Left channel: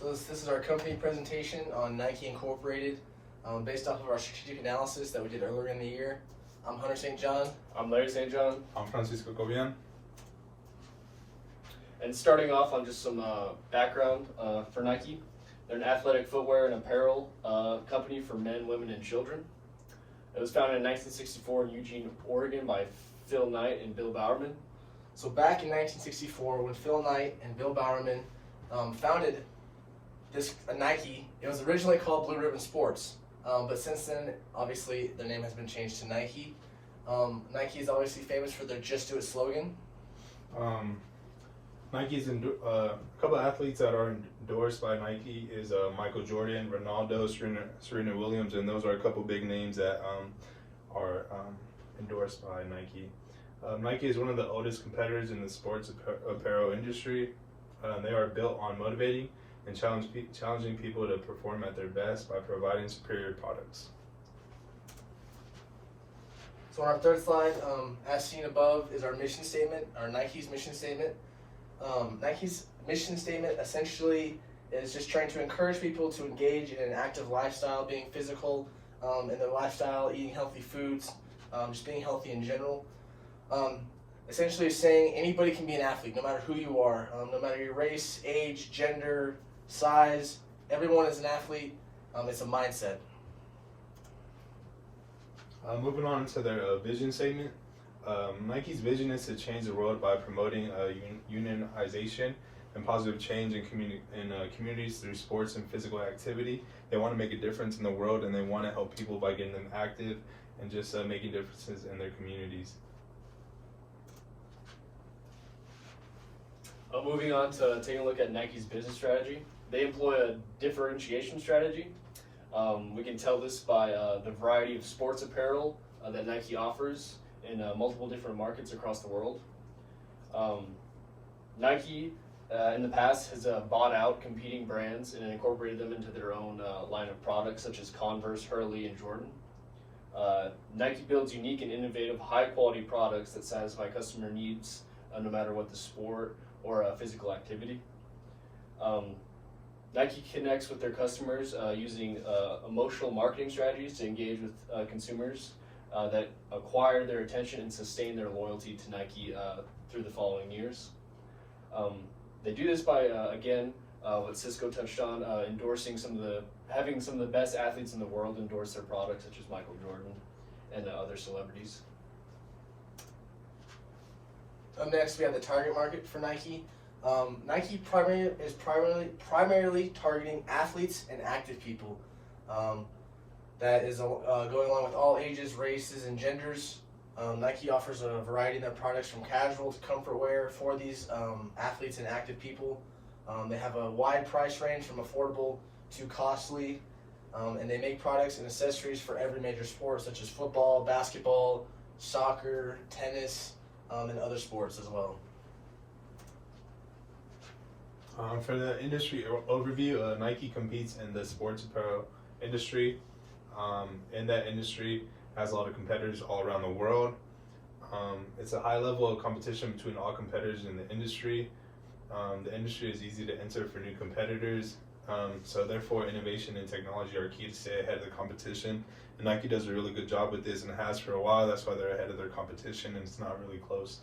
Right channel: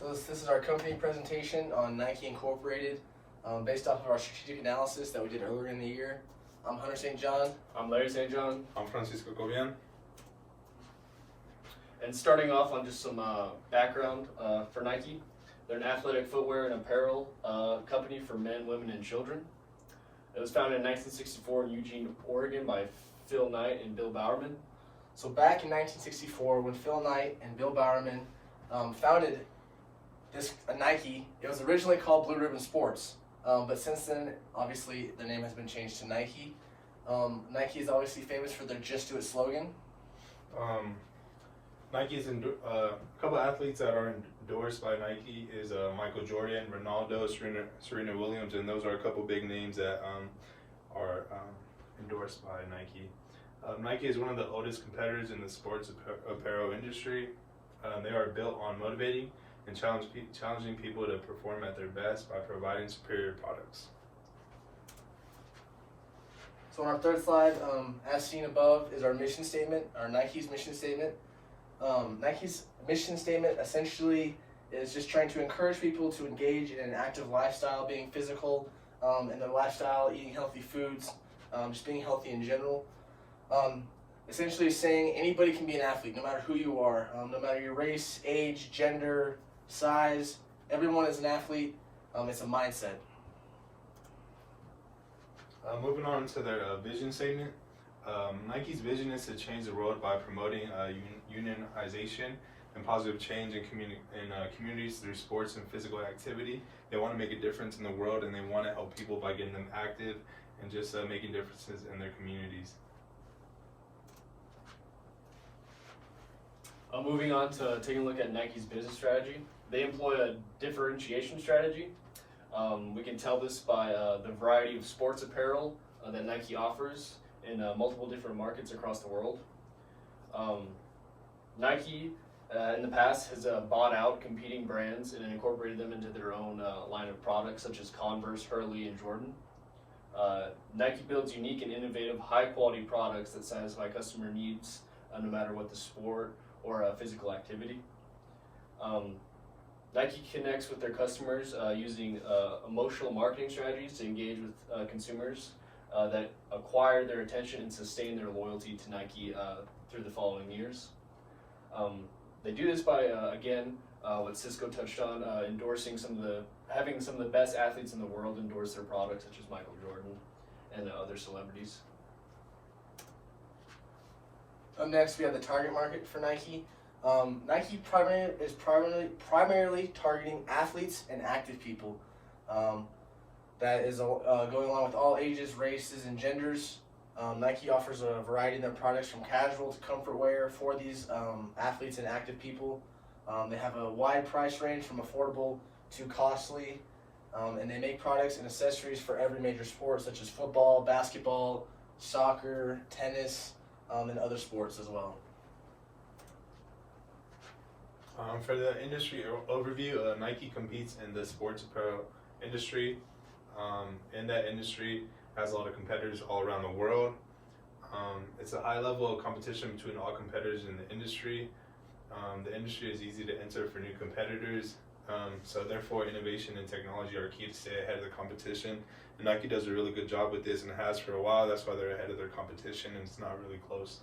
So this is our company presentation on Nike Incorporated, based off of our strategic analysis that we did earlier in the year. I'm Hunter St. John. I'm Larry St. John. I'm Francisco Cobian. And starting off on just some background for Nike. They're an athletic footwear and apparel company for men, women, and children. It was founded in 1964 in Eugene, Oregon by Phil Knight and Bill Bowerman. So back in 1964, when Phil Knight and Bill Bowerman founded this Nike, it was originally called Blue Ribbon Sports, but since then, obviously, the name has been changed to Nike. Nike is obviously famous for their "Just Do It" slogan. Nike's a couple of athletes that are endorsed by Nike is Michael Jordan, Ronaldo, Serena Williams, and those are a couple big names that are endorsed by Nike. Nike is one of the oldest competitors in the sports apparel industry. They are built on motivating and challenging people to perform at their best by providing superior products. So on our third slide, as seen above, is our mission statement, our Nike's mission statement. Nike's mission statement essentially is just trying to encourage people to engage in an active lifestyle, being physical in their lifestyle, eating healthy foods, just being healthy in general. Essentially saying anybody can be an athlete, no matter who you are, no matter your race, age, gender, size, everyone is an athlete. It's a mindset. Moving on to their vision statement. Nike's vision is to change the world by promoting unionization and positive change in communities through sports and physical activity. They want to make a difference in the world, and they want to help people by getting them active and just making differences in their communities. Moving on to taking a look at Nike's business strategy. They employ a differentiation strategy. We can tell this by the variety of sports apparel that Nike offers in multiple different markets across the world. Nike, in the past, has bought out competing brands and incorporated them into their own line of products, such as Converse, Hurley, and Jordan. Nike builds unique and innovative, high-quality products that satisfy customer needs, no matter what the sport or physical activity. Nike connects with their customers using emotional marketing strategies to engage with consumers that acquire their attention and sustain their loyalty to Nike through the following years. They do this by, again, what Cisco touched on, having some of the best athletes in the world endorse their products, such as Michael Jordan and other celebrities. Up next, we have the target market for Nike. Nike is primarily targeting athletes and active people. That is going along with all ages, races, and genders. Nike offers a variety of their products from casual to comfort wear for these athletes and active people. They have a wide price range from affordable to costly, and they make products and accessories for every major sport, such as football, basketball, soccer, tennis, and other sports as well. For the industry overview, Nike competes in the sports apparel industry. In that industry, has a lot of competitors all around the world. It's a high level of competition between all competitors in the industry. The industry is easy to enter for new competitors, so therefore innovation and technology are key to stay ahead of the competition. And Nike does a really good job with this and has for a while. That's why they're ahead of their competition, and it's not really close.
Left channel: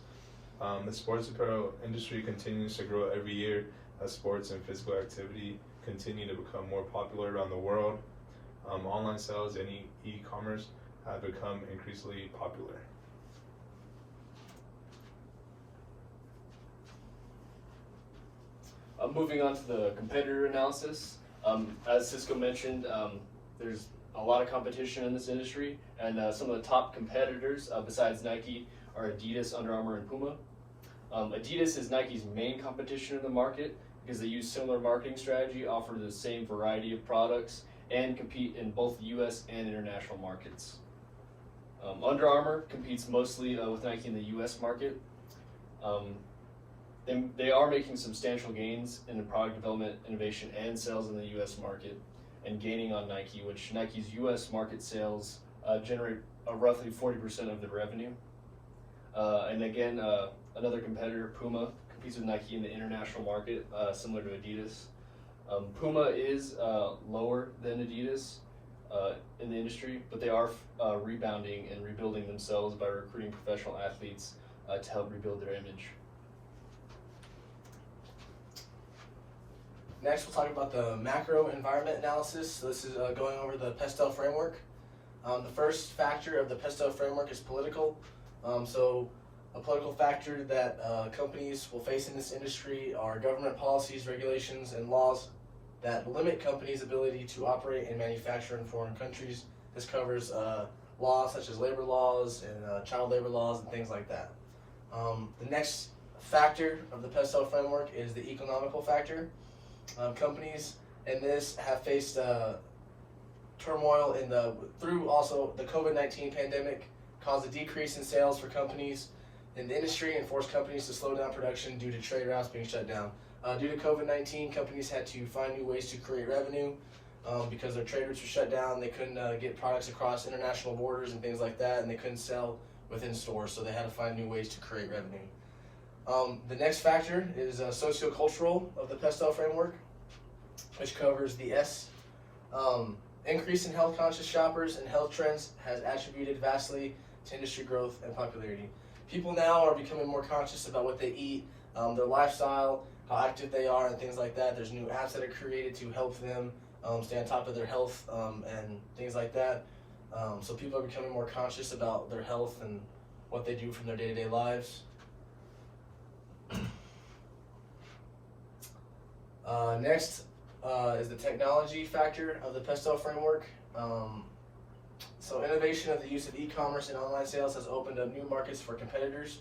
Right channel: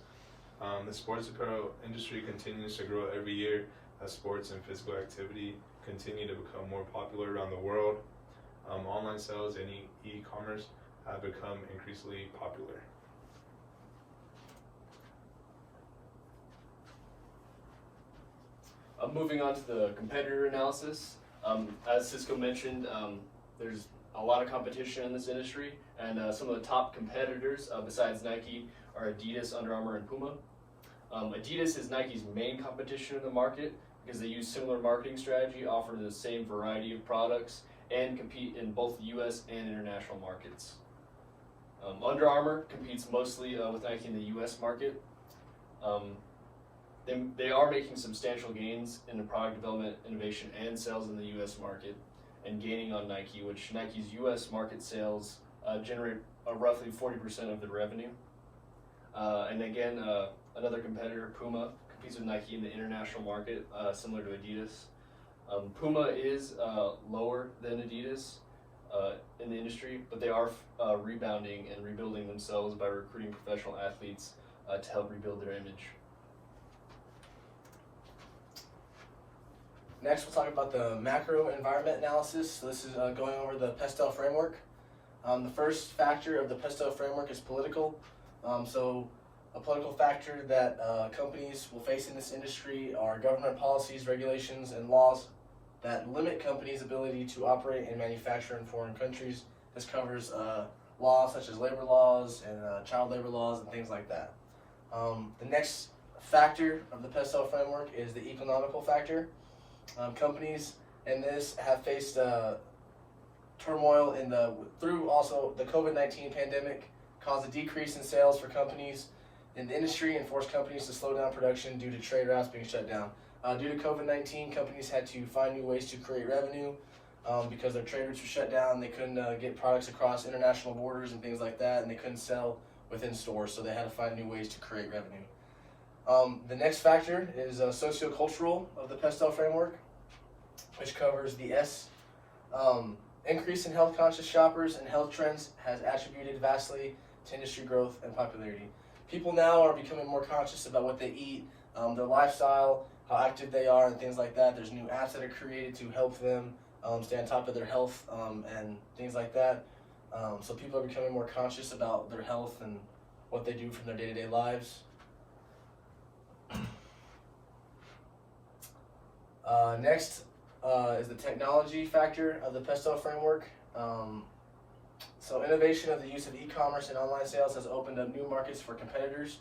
The sports apparel industry continues to grow every year as sports and physical activity continue to become more popular around the world. Online sales and e-commerce have become increasingly popular. Moving on to the competitor analysis. As Cisco mentioned, there's a lot of competition in this industry, and some of the top competitors besides Nike are Adidas, Under Armour, and Puma. Adidas is Nike's main competition in the market because they use similar marketing strategy, offer the same variety of products, and compete in both the U.S. and international markets. Under Armour competes mostly with Nike in the U.S. market. They are making substantial gains in the product development, innovation, and sales in the U.S. market, and gaining on Nike, which Nike's U.S. market sales generate roughly 40% of the revenue. And again, another competitor, Puma, competes with Nike in the international market, similar to Adidas. Puma is lower than Adidas in the industry, but they are rebounding and rebuilding themselves by recruiting professional athletes to help rebuild their image. Next, we'll talk about the macro environment analysis. So this is going over the Pestel framework. The first factor of the Pestel framework is political. So a political factor that companies will face in this industry are government policies, regulations, and laws that limit companies' ability to operate and manufacture in foreign countries. This covers laws such as labor laws and child labor laws and things like that. The next factor of the Pestel framework is the economical factor. Companies in this have faced turmoil through also the COVID-19 pandemic caused a decrease in sales for companies in the industry and forced companies to slow down production due to trade routes being shut down. Due to COVID-19, companies had to find new ways to create revenue because their trade routes were shut down. They couldn't get products across international borders and things like that, and they couldn't sell within stores, so they had to find new ways to create revenue. The next factor is sociocultural of the Pestel framework, which covers the S. Increase in health-conscious shoppers and health trends has attributed vastly to industry growth and popularity. People now are becoming more conscious about what they eat, their lifestyle, how active they are, and things like that. There's new apps that are created to help them stay on top of their health and things like that. So people are becoming more conscious about their health and what they do from their day-to-day lives. Next is the technology factor of the Pestel framework. So innovation of the use of e-commerce and online sales has opened up new markets for competitors.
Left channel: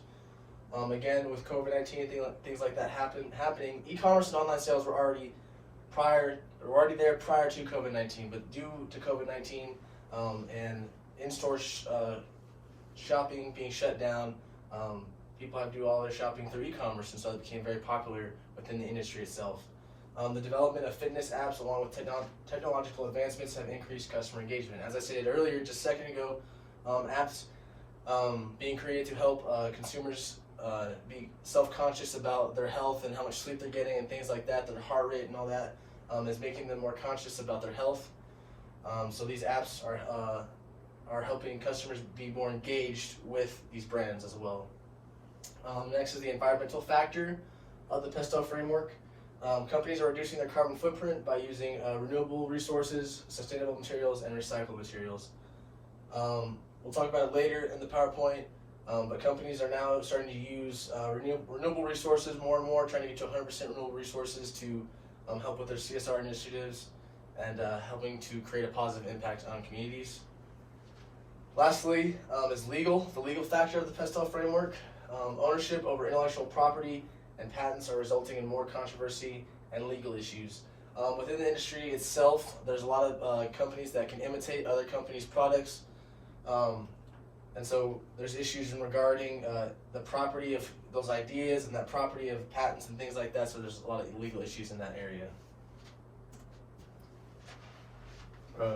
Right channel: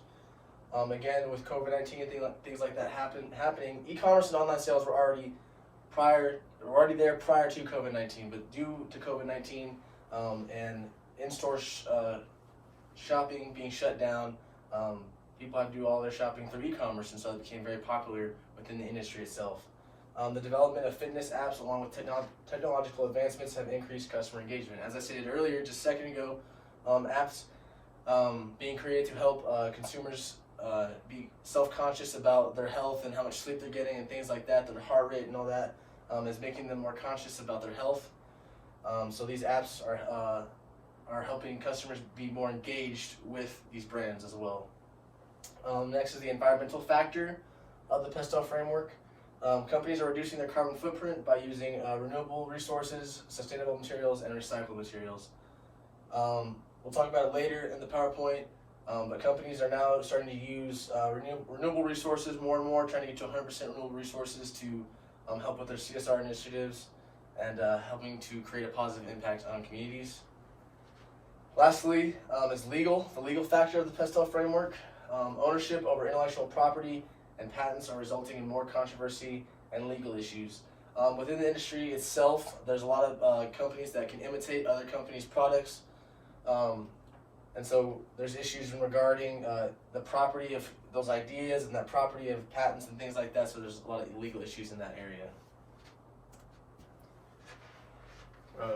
Again, with COVID-19 and things like that happening, e-commerce and online sales were already there prior to COVID-19, but due to COVID-19 and in-store shopping being shut down, people had to do all their shopping through e-commerce, and so it became very popular within the industry itself. The development of fitness apps along with technological advancements have increased customer engagement. As I stated earlier, just a second ago, apps being created to help consumers be self-conscious about their health and how much sleep they're getting and things like that, their heart rate and all that, is making them more conscious about their health. So these apps are helping customers be more engaged with these brands as well. Next is the environmental factor of the Pestel framework. Companies are reducing their carbon footprint by using renewable resources, sustainable materials, and recycled materials. We'll talk about it later in the PowerPoint, but companies are now starting to use renewable resources more and more, trying to get to 100% renewable resources to help with their CSR initiatives and helping to create a positive impact on communities. Lastly is the legal factor of the Pestel framework. Ownership over intellectual property and patents are resulting in more controversy and legal issues. Within the industry itself, there's a lot of companies that can imitate other companies' products. And so there's issues regarding the property of those ideas and that property of patents and things like that, so there's a lot of legal issues in that area.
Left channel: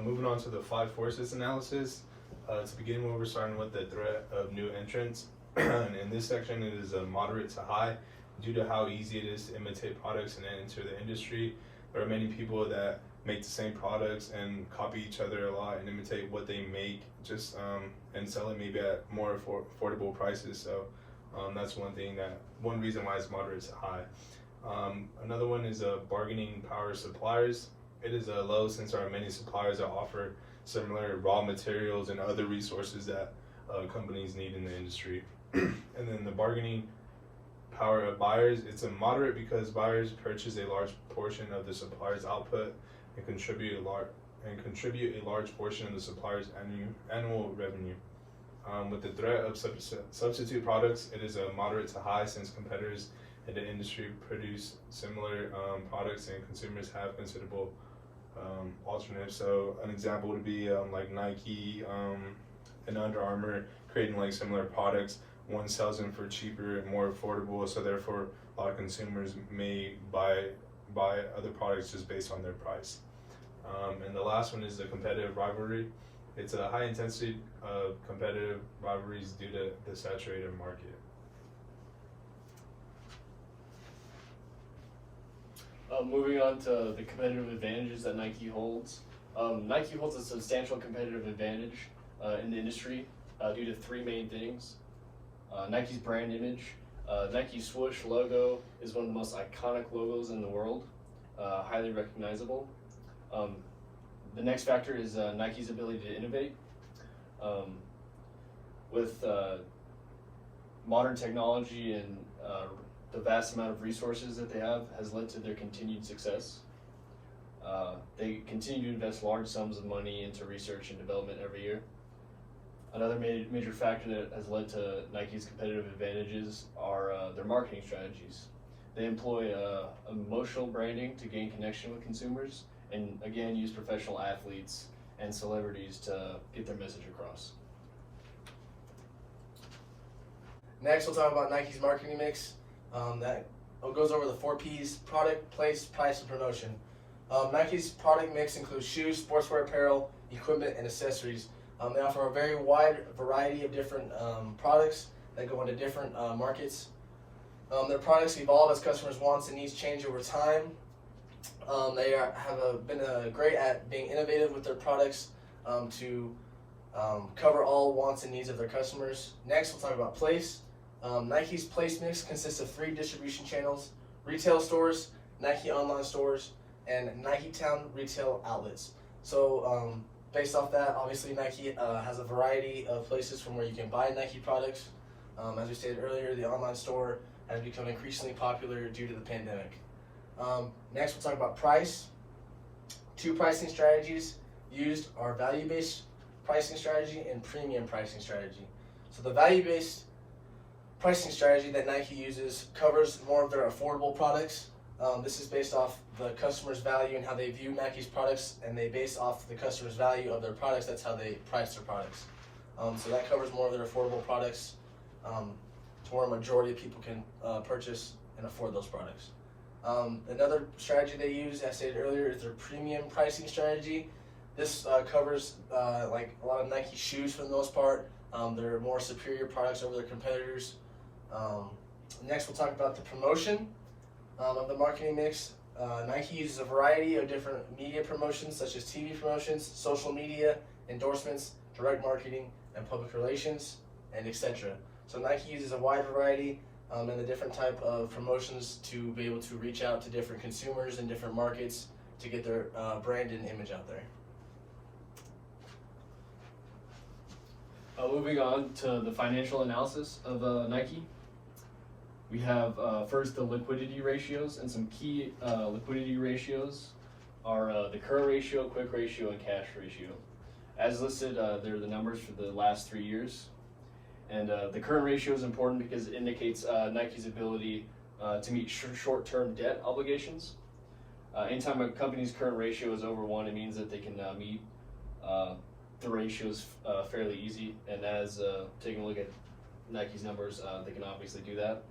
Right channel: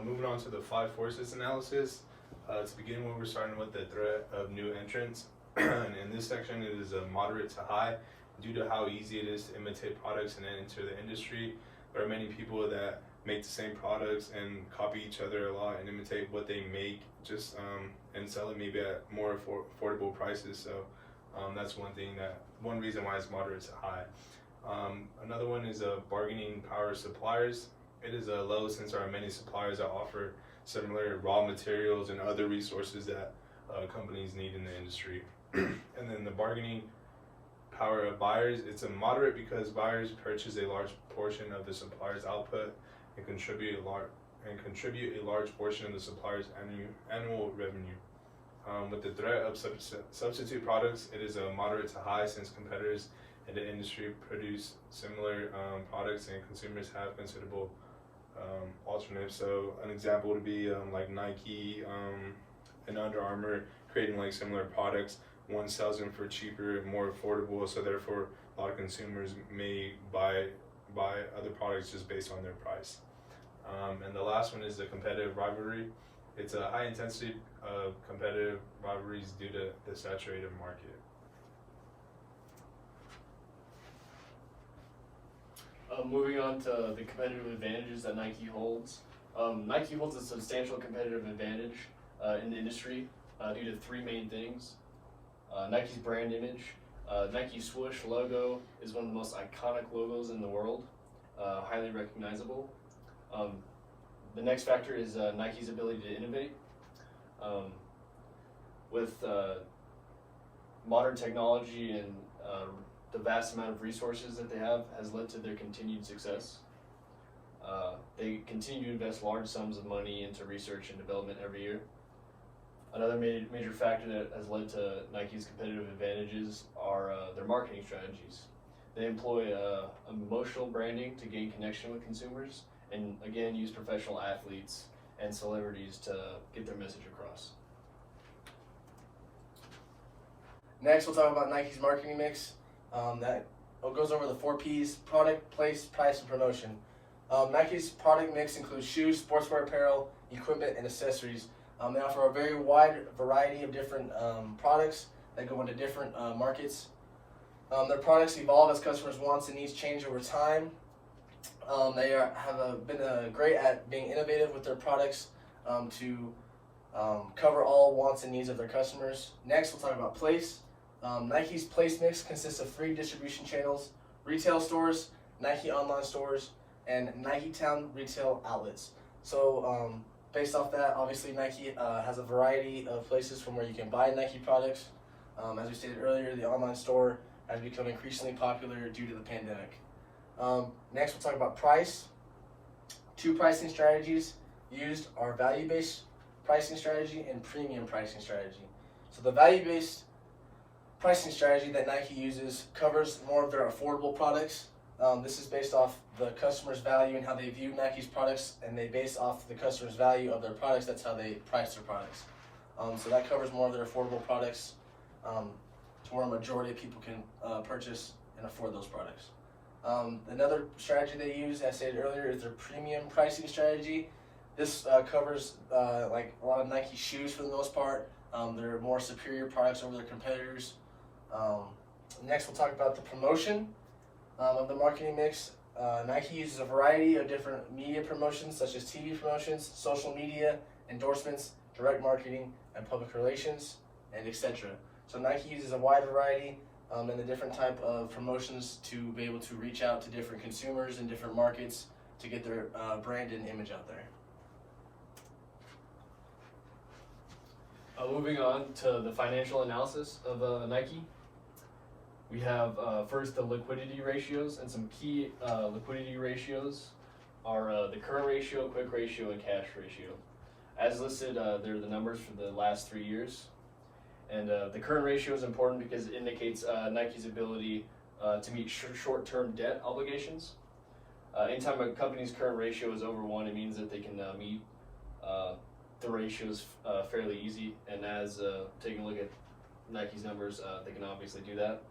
Moving on to the 5 forces analysis. To begin with, we're starting with the threat of new entrants. And in this section, it is a moderate to high. Due to how easy it is to imitate products and enter the industry, there are many people that make the same products and copy each other a lot and imitate what they make, just and sell it maybe at more affordable prices. So that's one reason why it's moderate to high. Another one is bargaining power suppliers. It is low since there are many suppliers that offer similar raw materials and other resources that companies need in the industry. And then the bargaining power of buyers, it's a moderate because buyers purchase a large portion of the supplier's output and contribute a large portion of the supplier's annual revenue. With the threat of substitute products, it is a moderate to high since competitors in the industry produce similar products and consumers have considerable alternatives. So an example would be like Nike and Under Armour creating like similar products. One sells them for cheaper and more affordable, so therefore a lot of consumers may buy other products just based on their price. And the last one is the competitive rivalry. It's a high intensity of competitive rivalries due to the saturated market. Moving on to the competitive advantages that Nike holds. Nike holds a substantial competitive advantage in the industry due to three main things. Nike's brand image. Nike's swoosh logo is one of the most iconic logos in the world, highly recognizable. The next factor is Nike's ability to innovate. With modern technology and the vast amount of resources that they have has led to their continued success. They continue to invest large sums of money into research and development every year. Another major factor that has led to Nike's competitive advantages are their marketing strategies. They employ emotional branding to gain connection with consumers, and again use professional athletes and celebrities to get their message across. Next, we'll talk about Nike's marketing mix. That goes over the 4 Ps: product, place, price, and promotion. Nike's product mix includes shoes, sportswear apparel, equipment, and accessories. They offer a very wide variety of different products that go into different markets. Their products evolve as customers' wants and needs change over time. They have been great at being innovative with their products to cover all wants and needs of their customers. Next, we'll talk about place. Nike's place mix consists of 3 distribution channels: retail stores, Nike online stores, and Nike Town retail outlets. So based off that, obviously Nike has a variety of places from where you can buy Nike products. As we stated earlier, the online store has become increasingly popular due to the pandemic. Next, we'll talk about price. 2 pricing strategies used are value-based pricing strategy and premium pricing strategy. So the value-based pricing strategy that Nike uses covers more of their affordable products. This is based off the customer's value and how they view Nike's products, and they base off the customer's value of their products. That's how they price their products. So that covers more of their affordable products to where a majority of people can purchase and afford those products. Another strategy they use, as I stated earlier, is their premium pricing strategy. This covers like a lot of Nike shoes for the most part. They're more superior products over their competitors. Next, we'll talk about the promotion of the marketing mix. Nike uses a variety of different media promotions, such as TV promotions, social media, endorsements, direct marketing, and public relations, and etc. So Nike uses a wide variety and the different type of promotions to be able to reach out to different consumers in different markets to get their brand and image out there. Moving on to the financial analysis of Nike. We have first the liquidity ratios, and some key liquidity ratios are the current ratio, quick ratio, and cash ratio. As listed, they're the numbers for the last 3 years. And the current ratio is important because it indicates Nike's ability to meet short-term debt obligations. Anytime a company's current ratio is over 1, it means that they can meet the ratios fairly easy. And as taking a look at Nike's numbers, they can obviously do that.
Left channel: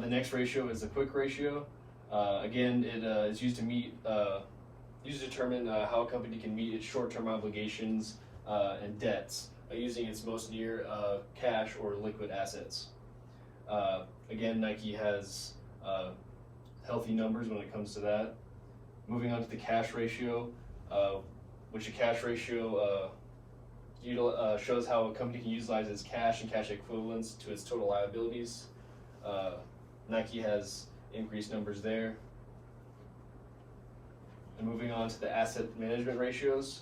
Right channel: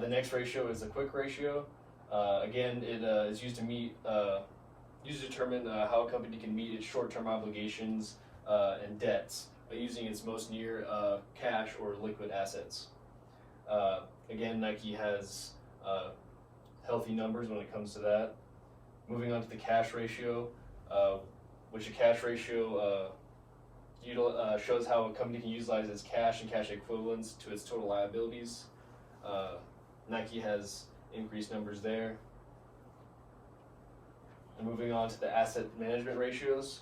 The next ratio is the quick ratio. Again, it is used to determine how a company can meet its short-term obligations and debts using its most near cash or liquid assets. Again, Nike has healthy numbers when it comes to that. Moving on to the cash ratio, which a cash ratio shows how a company can utilize its cash and cash equivalents to its total liabilities. Nike has increased numbers there. And moving on to the asset management ratios,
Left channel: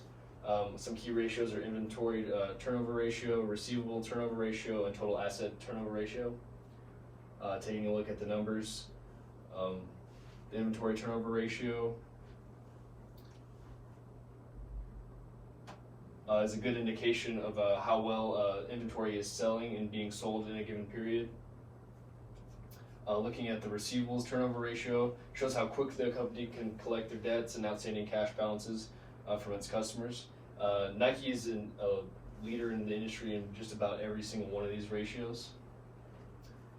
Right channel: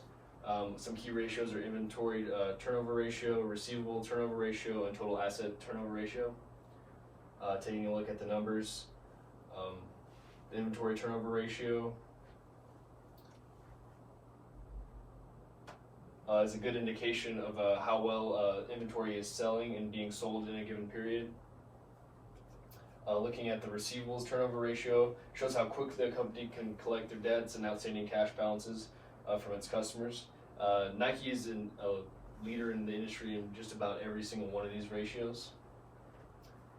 some key ratios are inventory turnover ratio, receivable turnover ratio, and total asset turnover ratio. Taking a look at the numbers, the inventory turnover ratio is a good indication of how well inventory is selling and being sold in a given period. Looking at the receivables turnover ratio shows how quickly the company can collect their debts and outstanding cash balances from its customers. Nike is a leader in the industry in just about every single one of these ratios.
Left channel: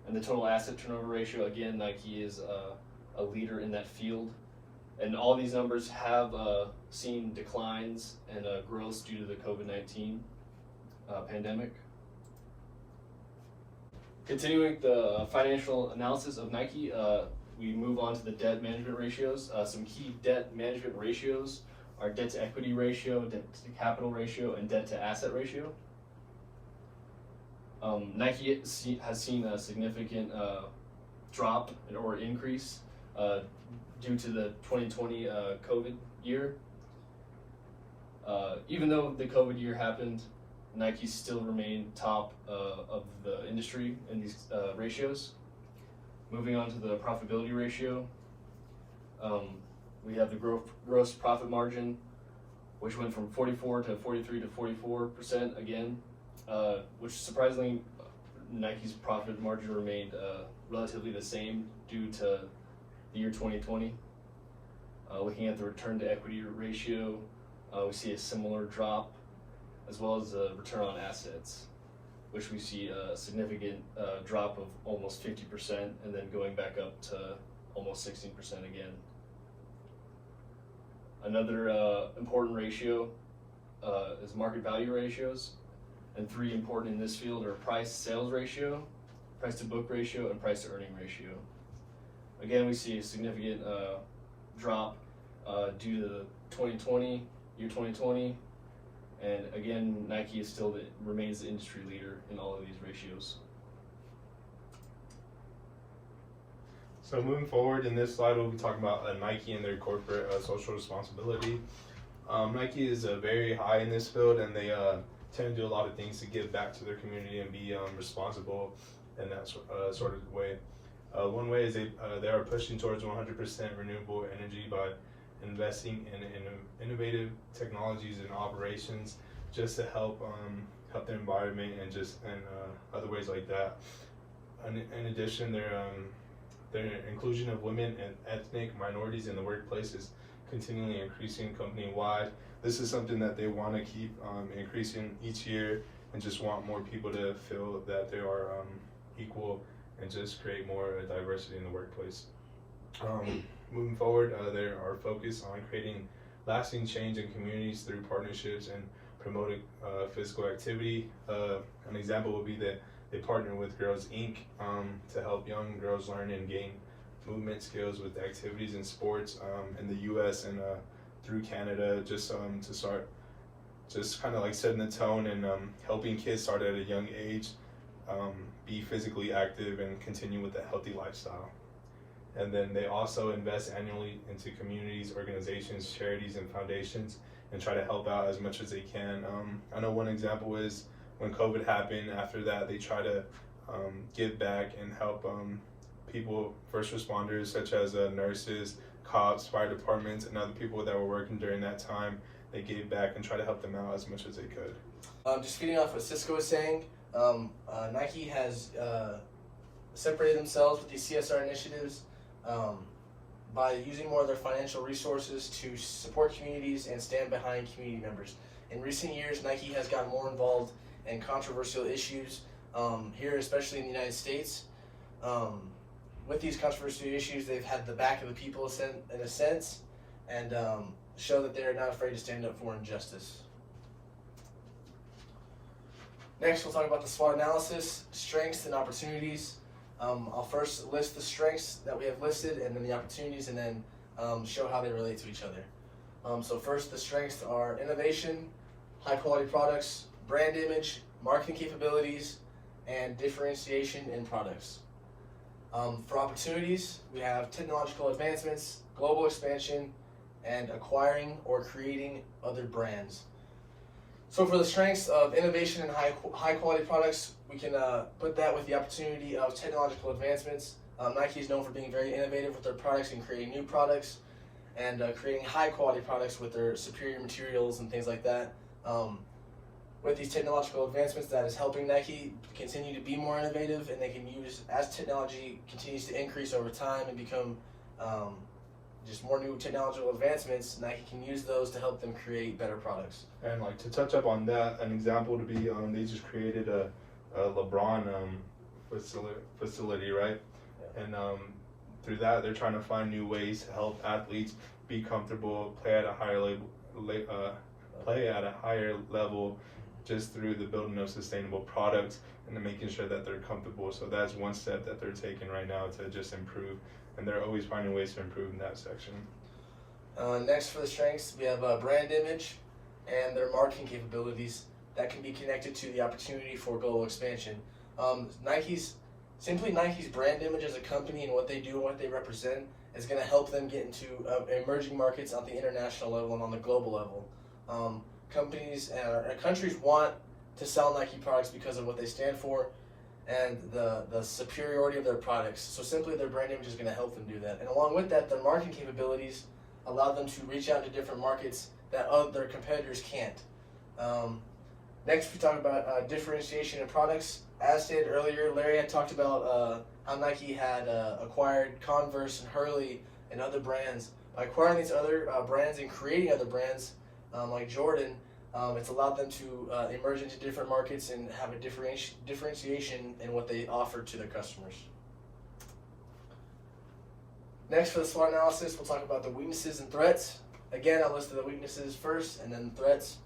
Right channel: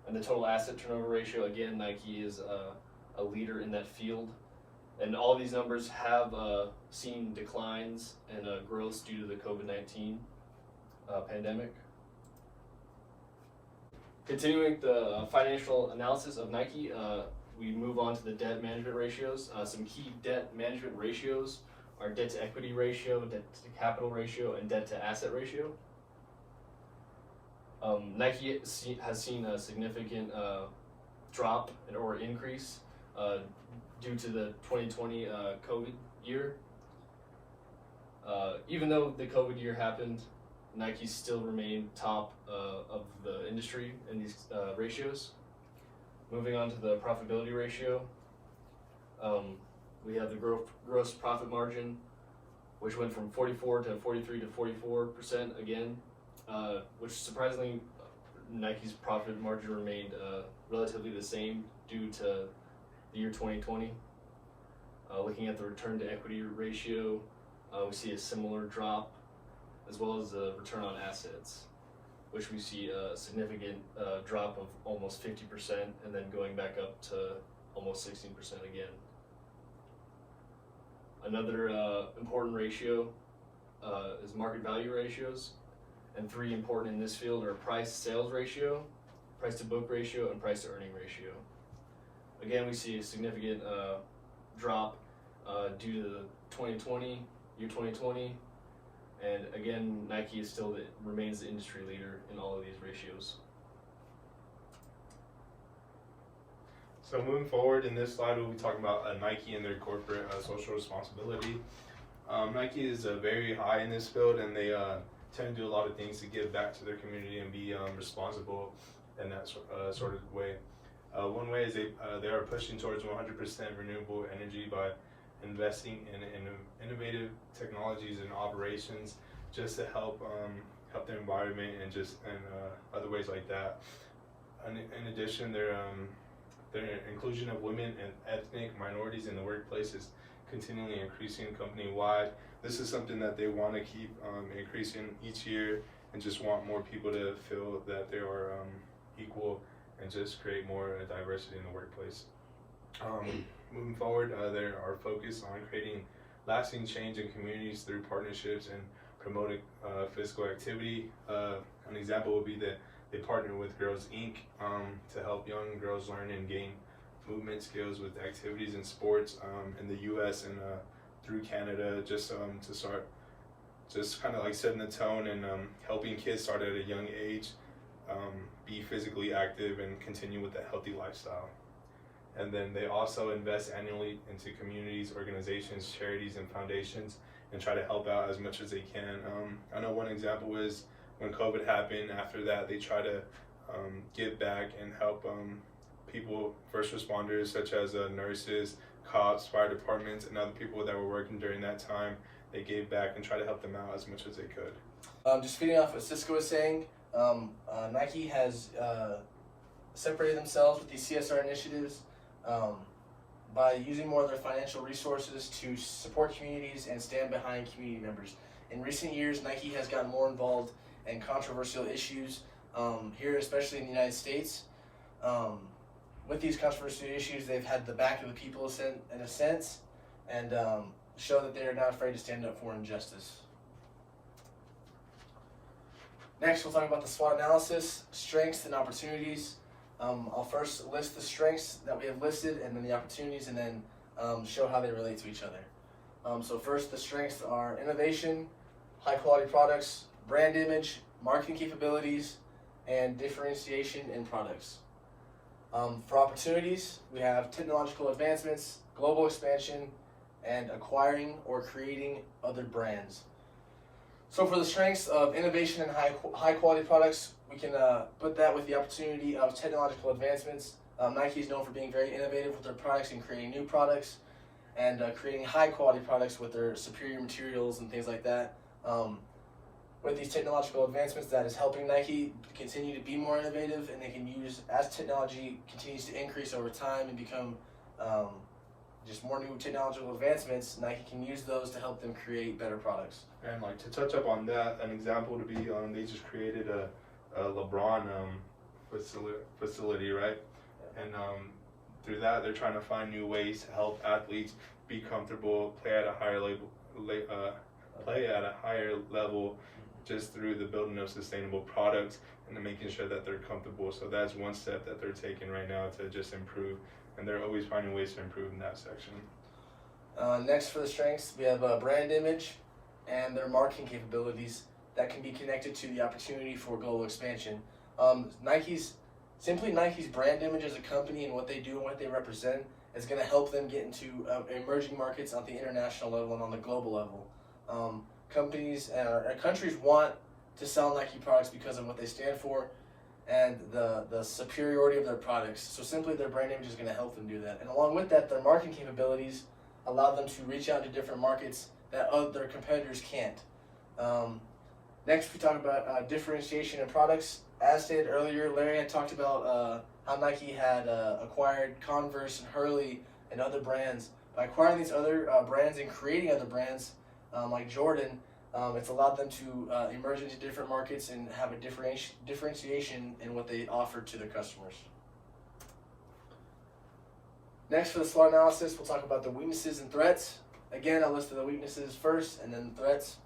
And the total asset turnover ratio, again, Nike is a leader in that field. And all these numbers have seen declines and growth due to the COVID-19 pandemic. Continuing the financial analysis of Nike, we move on to the debt management ratios. Some key debt management ratios are debt to equity ratio, debt to capital ratio, and debt to asset ratio. Nike has seen a significant drop or increase due to the 2020 COVID year. Even though the COVID year happened, Nike still remained top of the industry in these ratios. Moving on to the profitability ratio, we have the gross profit margin, which went from 44 to 43 to 44% again, which surprisingly, Nike's profit margin remained relatively the same due to the year 2020. Looking at the return to equity ratio, we see a similar drop, as well as a return on assets, which we see a significant drop of almost 50% and then going back up to almost 16% again. Another important ratio is market value ratios, and three important in this field are price sales ratio, price to book ratio, and price to earning ratio. Again, we see a significant drop due to the year 2020, and again, Nike is still remains the industry leader in all of these ratios. So moving forward in this slide, we'll be talking about Nike and their corporate social responsibility. Nike is very high in this field, and they tend to do a lot of things to give back to their community and be responsible in that sort of way. One way is they are pushing towards 100% renewable energy by investing in innovative technologies and operations just to help the environment and other ways like that. In addition, their inclusion of women and ethnic minorities in the workplace is continually increasing company-wide. This is something that they want to keep increasing each year, and just want more people to feel that they are equal and just create more diversity in the workplace. Moving forward, they are focused on creating lasting change in communities through partnerships and promoting physical activity. An example would be that they partner with Girls Inc. To help young girls learn and gain movement skills with activities and sports in the U.S. and through Canada, just to start just kind of like setting the tone and helping kids start at a young age, be physically active and continue with a healthy lifestyle. And then they also invest annually into communities, organizations, charities, and foundations, and try to help out as much as they can. I know one example is when COVID happened. After that, they try to give back and help people, first responders such as nurses, cops, fire departments, and other people that were working during that time. They gave back and try to help them out as much as they could. Just feeding off what Cisco was saying, Nike has separated themselves with these CSR initiatives by using more of their financial resources to support communities and stand behind community members. In recent years, Nike has gotten more involved in controversial issues here, especially in the United States. With these controversial issues, they've had the back of the people in a sense, and show that they're not afraid to stand up for injustice. Next, we'll talk about the SWOT analysis, strengths and opportunities. I'll first list the strengths that we have listed, and then the opportunities, and then show how they relate to each other. So first, the strengths are innovation, high quality products, brand image, marketing capabilities, and differentiation in products. For opportunities, we have technological advancements, global expansion, and acquiring or creating other brands. So for the strengths of innovation and high quality products, we can put that with the opportunity of technological advancements. Nike is known for being very innovative with their products and creating new products, and creating high quality products with their superior materials and things like that. With these technological advancements, that is helping Nike continue to be more innovative, and they can use, as technology continues to increase over time and become just more new technological advancements, Nike can use those to help them create better products. And like to touch up on that, an example would be they just created a LeBron facility, right? And through that, they're trying to find new ways to help athletes be comfortable, play at a higher level, just through the building of sustainable products and making sure that they're comfortable. So that's one step that they're taking right now to just improve and they're always finding ways to improve in that section. Next for the strengths, we have brand image and their marketing capabilities that can be connected to the opportunity for global expansion. Nike's brand image as a company and what they do and what they represent is going to help them get into emerging markets on the international level and on the global level. Companies and countries want to sell Nike products because of what they stand for and the superiority of their products. So simply their brand image is going to help them do that. And along with that, their marketing capabilities allow them to reach out to different markets that other competitors can't. Next, we talk about differentiation in products. As stated earlier, Larry had talked about how Nike had acquired Converse and Hurley and other brands. By acquiring these other brands and creating other brands like Jordan, it's allowed them to emerge into different markets and have a differentiation in what they offer to their customers. Next, for the SWOT analysis, we'll talk about the weaknesses and threats. Again, I listed the weaknesses first and then threats.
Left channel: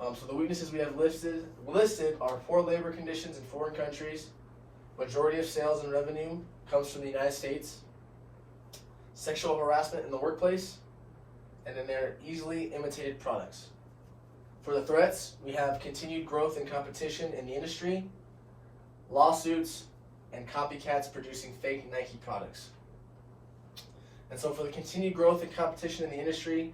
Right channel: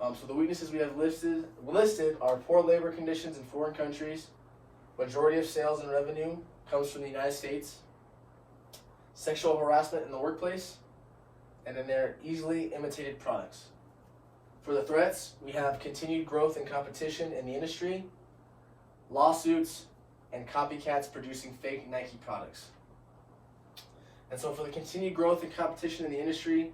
So the weaknesses we have listed are poor labor conditions in foreign countries. Majority of sales and revenue comes from the United States. Sexual harassment in the workplace, and then they're easily imitated products. For the threats, we have continued growth and competition in the industry, lawsuits, and copycats producing fake Nike products. And so for the continued growth and competition in the industry,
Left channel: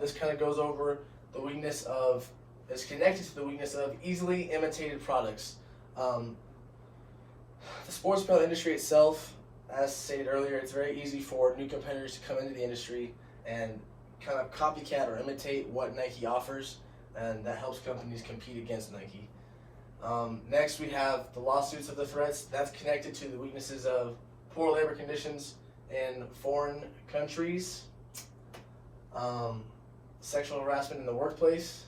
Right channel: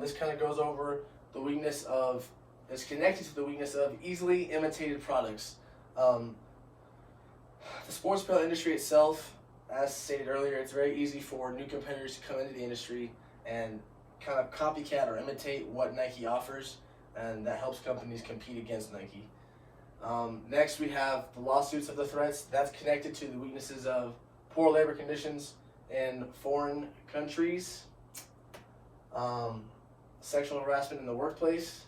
this kind of goes over the weakness of, is connected to the weakness of easily imitated products. The sports apparel industry itself, as stated earlier, it's very easy for new competitors to come into the industry and kind of copycat or imitate what Nike offers, and that helps companies compete against Nike. Next, we have the lawsuits of the threats. That's connected to the weaknesses of poor labor conditions in foreign countries, sexual harassment in the workplace.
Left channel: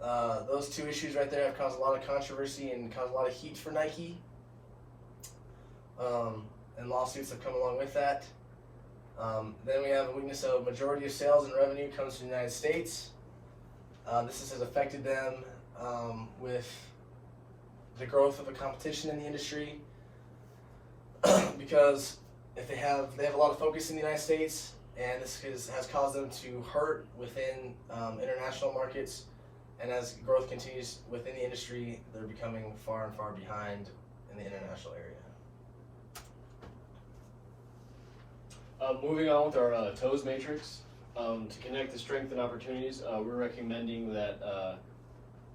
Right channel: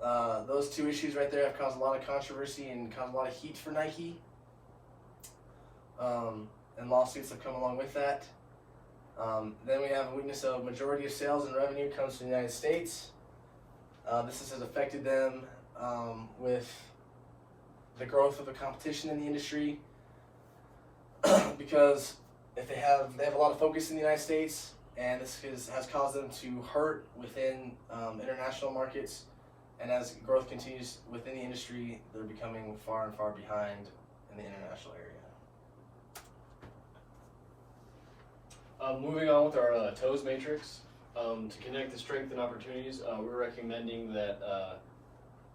Those two issues right there have caused a lot of controversy and caused a lot of heat for Nike. And lawsuits have come along with that. Then we have a weakness of majority of sales and revenue comes from the United States. This has affected them with the growth of the competition in the industry because if they have a lot of focus in the United States, and this has caused them to hurt within international markets, and as growth continues within the industry, they're becoming far and far behind in the international area. Moving on with our TOES matrix, to connect the strengths and opportunities, we're recommending that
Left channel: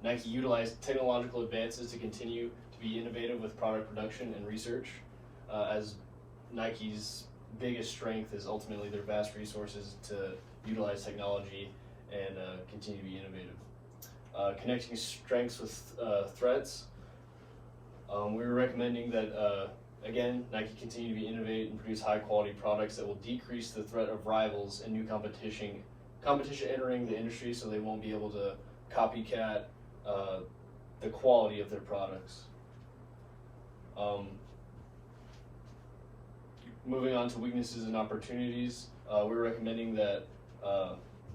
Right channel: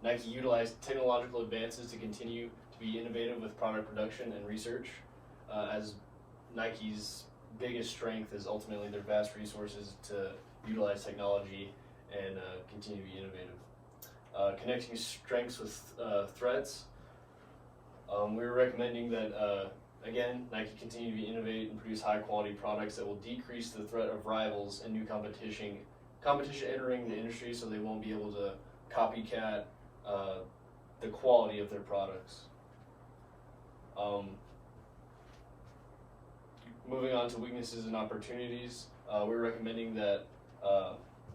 Nike utilize technological advances to continue to be innovative with product production and research, as Nike's biggest strength is ultimately their vast resources to utilize technology and continue to be innovative. Connecting strengths with threats, we were recommending that again, Nike continue to innovate and produce high-quality products that will decrease the threat of rivals and new competition entering the industry, so they won't be able to copycat the quality of their products. Moving on to weaknesses and opportunities, we're recommending that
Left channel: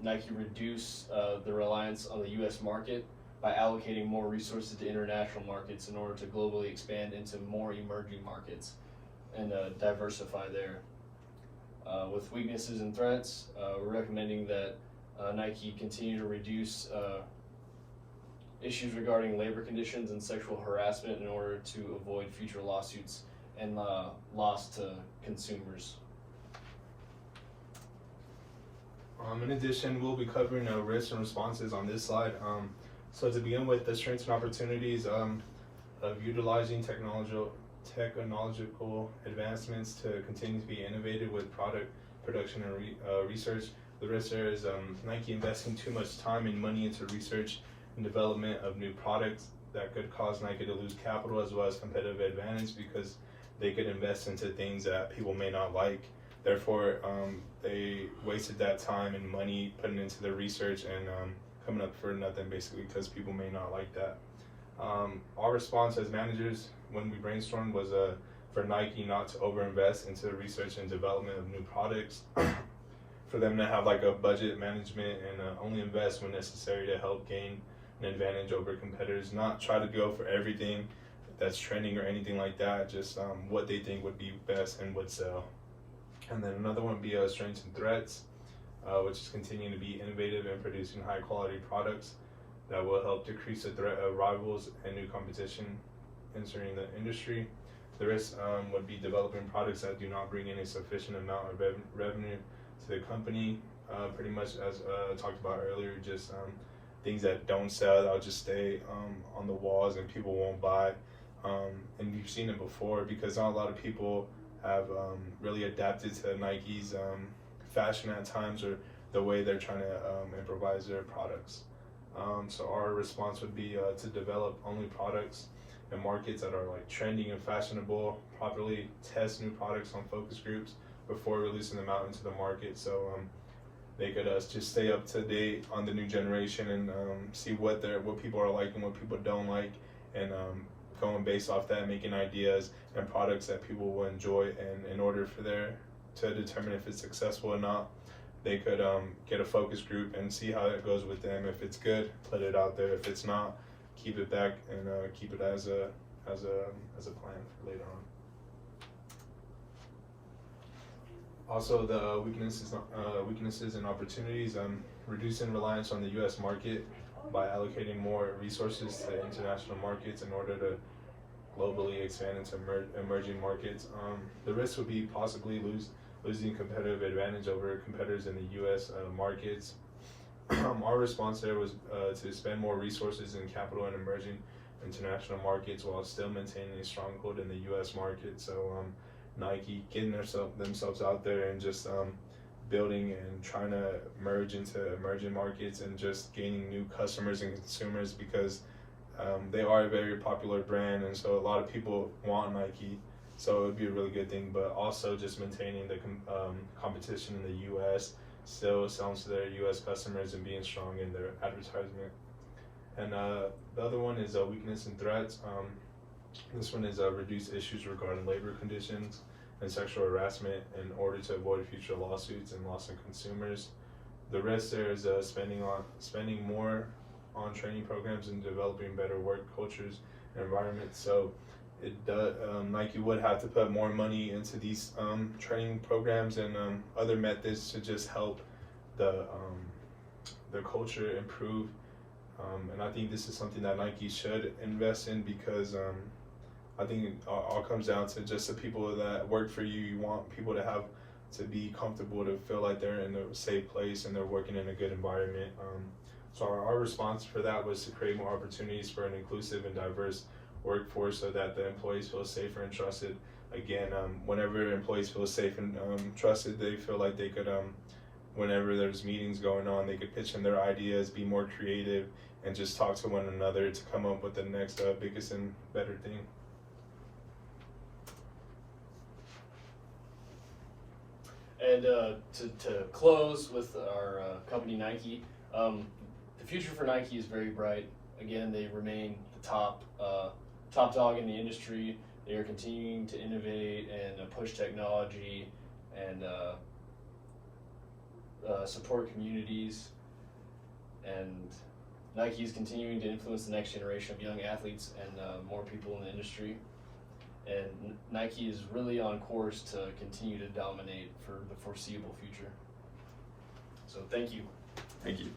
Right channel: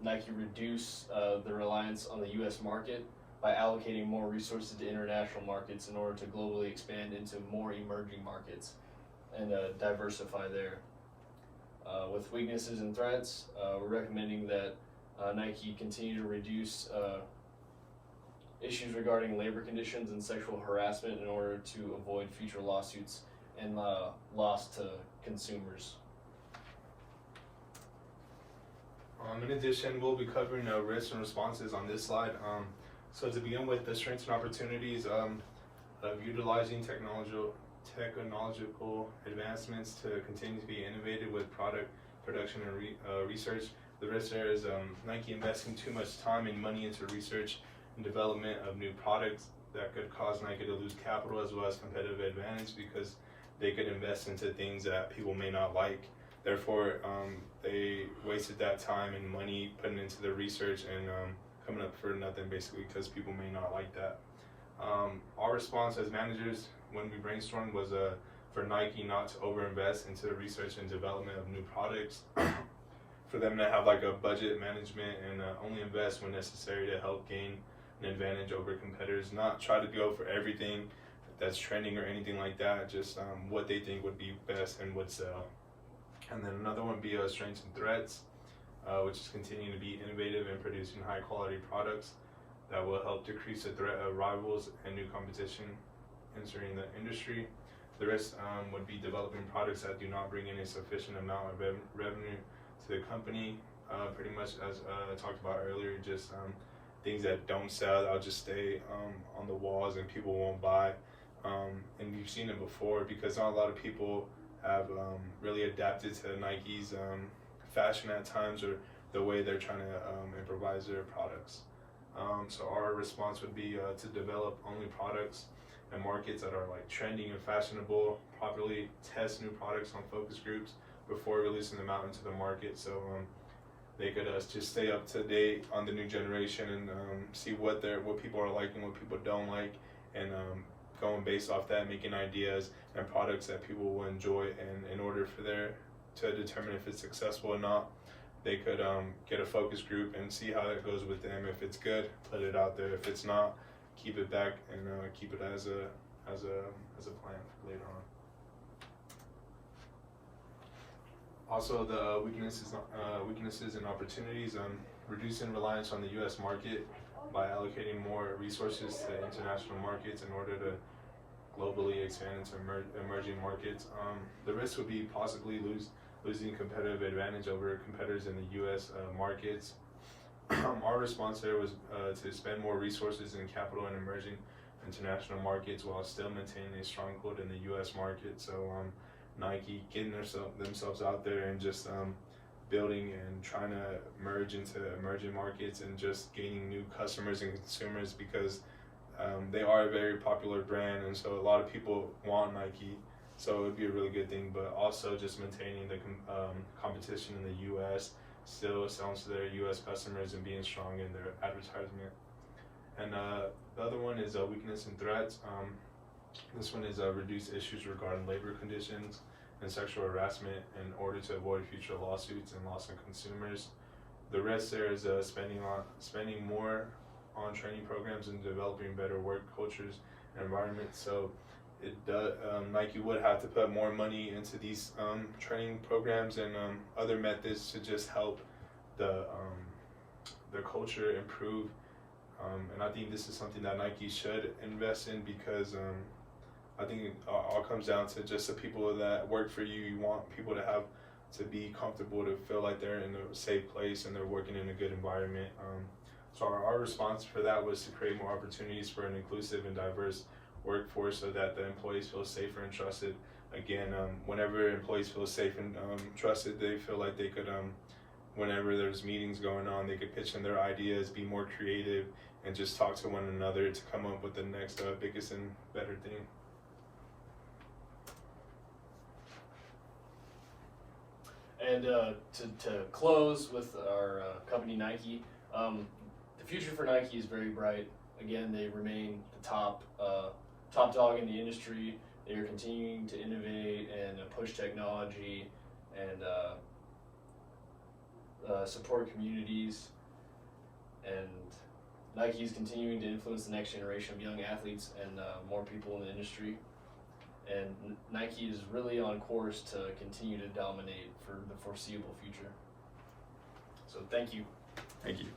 Nike reduce the reliance on the U.S. market by allocating more resources to international markets in order to globally expand into more emerging markets and diversify there. With weaknesses and threats, we're recommending that Nike continue to reduce issues regarding labor conditions and sexual harassment in order to avoid future lawsuits and loss to consumers. In addition, we'll be covering risks and responses on this slide. So to begin with, the strengths and opportunities of utilizing technological advancements to continue to be innovative with product production and research. The risk there is Nike investing too much time and money into research and development of new products that could cause Nike to lose capital as well as competitive advantage because they could invest into things that people may not like. Therefore, they wasted that time and money putting into the research and coming up for nothing basically because people may not like that. Our response as managers when we brainstormed was for Nike not to overinvest into the research and development of new products, for them to have like a budget management and only invest when necessary to help gain an advantage over competitors, not try to go for everything that's trending or anything like that, just what they think would be best and would sell. And then another one would be strengths and threats, which is continuing to be innovative and producing high quality products that will help decrease the threat of rivals and new competition entering the industry. The risk would be developing products that do not bring in a sufficient amount of revenue to the company. Pretty much as talked about earlier, just things that don't sell, that'll just stay on the walls and people won't buy. And you've seen it before because not a lot of people have really adapted to Nike's fashion at times or the way they're trying to improvise their products. So our response would be to develop only products and markets that are like trending and fashionable, properly test new products on focus groups before releasing them out into the market, so they could just stay up to date on the new generation and see what people are liking, what people don't like, and going based off that, making ideas and products that people will enjoy. And in order for to determine if it's successful or not, they could get a focus group and see how it goes with them. If it's good, put it out there. If it's not, keep it back and keep it as a plan for later on. Also, the weaknesses and opportunities, reducing reliance on the U.S. market by allocating more resources to international markets in order to globally expand into emerging markets. The risk would be possibly losing competitive advantage over competitors in the U.S. Markets. Our response there was to spend more resources and capital in emerging international markets while still maintaining a stronghold in the U.S. market. So Nike getting themselves out there and just building and trying to merge into emerging markets and just gaining new customers and consumers because they are a very popular brand, and so a lot of people want Nike. So it would be a really good thing, but also just maintaining the competition in the U.S., still selling to their U.S. customers and being strong in their advertisement. And the other one is weakness and threats. This one is reduce issues regarding labor conditions and sexual harassment in order to avoid future lawsuits and loss of consumers. The risk there is spending more on training programs and developing better work cultures and environments. So Nike would have to put more money into these training programs and other methods to just help the culture improve. And I think this is something that Nike should invest in because I think it all comes down to just the people that work for you. You want people to be comfortable, to feel like they're in a safe place and they're working in a good environment. So our response for that was to create more opportunities for an inclusive and diverse workforce so that the employees feel safer and trusted. Again, whenever employees feel safe and trusted, they feel like they could, whenever there's meetings going on, they could pitch in their ideas, be more creative, and just talk to one another to come up with the next biggest and better thing. And to close with our company Nike, the future for Nike is very bright. Again, they remain the top dog in the industry. They are continuing to innovate and push technology and support communities. And Nike is continuing to influence the next generation of young athletes and more people in the industry. And Nike is really on course to continue to dominate for the foreseeable future. So thank you. Thank you.